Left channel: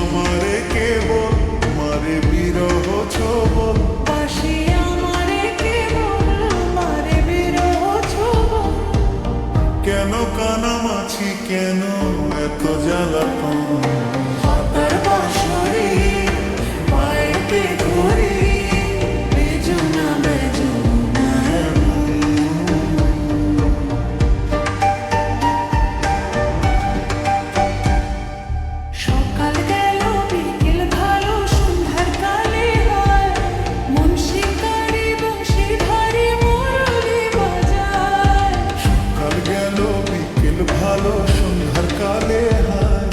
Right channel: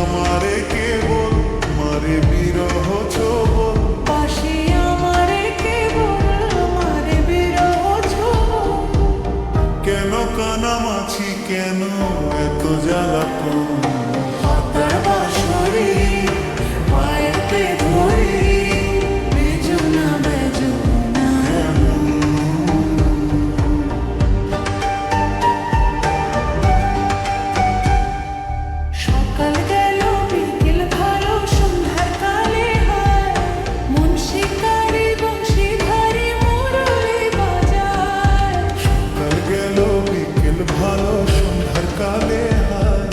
আমারে কেবল মারে বিরহ ছোবল, বাসি আমারে কেবল মারে বিরহ ছোবল। কেন কানামাছি কেন এত জ্বালাতন, পাতার বাঁশরি পায়েতে ধরি বেজুনা বেজুনা এমন সকাল গেল বিকেল ভালো সন্ধ্যার কালে হয় মন শিকারি বংশীধারী মুরলি বাজায়। সকাল গেল বিকেল ভালো সন্ধ্যার কালে হায়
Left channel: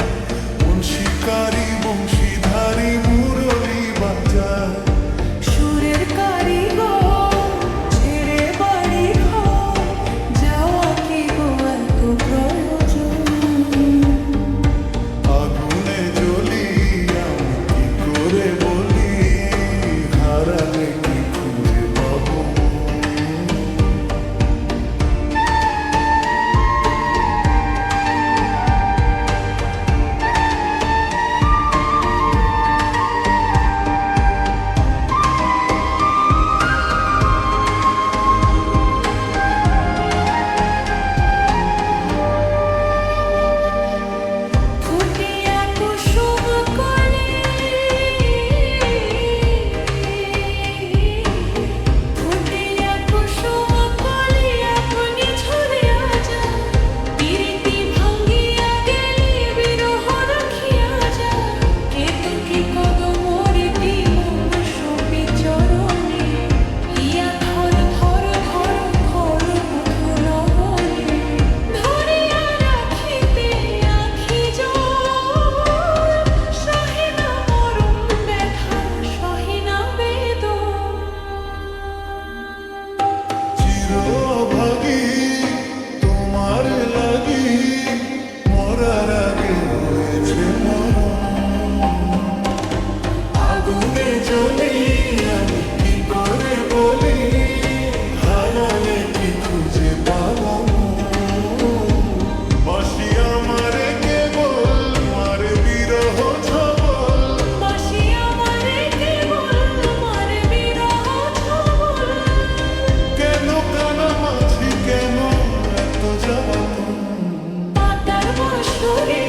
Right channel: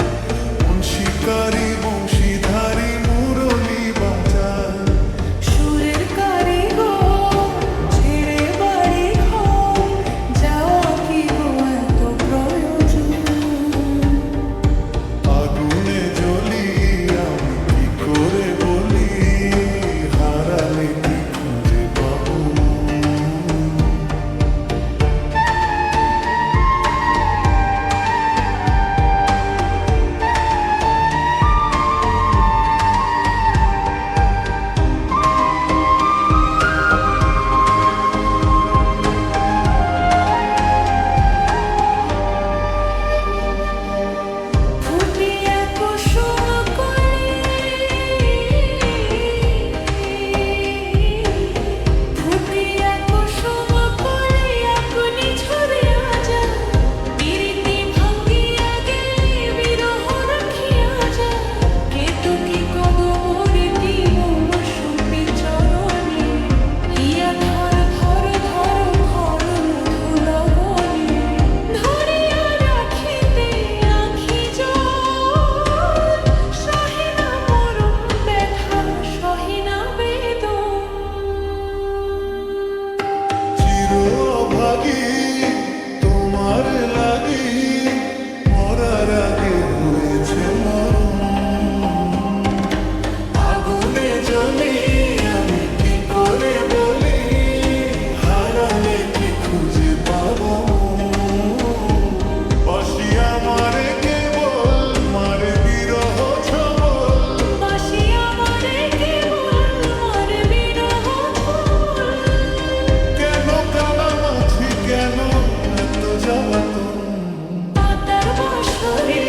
মন শিকারি বংশীধারী মুরলি বাজায়। সুরের কারিগর ছেড়ে বাড়ি ঘর যাওয়া কি গো এত প্রয়োজন। আগুনে জ্বলি আমি কি করে বলি, হারালে কি খুঁজে পাবো মন। ফুটিয়া কুসুম কলি ফুটিয়া কুসুম কলি আপনি ঝরিয়া যায় পিরিতি ভাঙ্গিয়া গেলি বিরহ রাখিয়া যায়। কেতকী কদমরিতি মম সপি চরণে হিয়া ধর ধর ধর ঘর মধু লবণে ধরিয়া রাখিতে আখি জল সহিনা মরম ব্যথা সহিনা বেদন। চিরভাগী তোমার লাগি মরার আগে হয়েছে মরণ। আগুনে জ্বলি আমি কি করে বলি, হারালে কি খুঁজে পাবো মন। বাসি আমারে কেবল মারে বিরহ ছবল, বাসি আমারে কেবল মারে বিরহ ছোবল। কেন কানামাছি কেন এত জ্বালাতন, পাতার বাঁশরি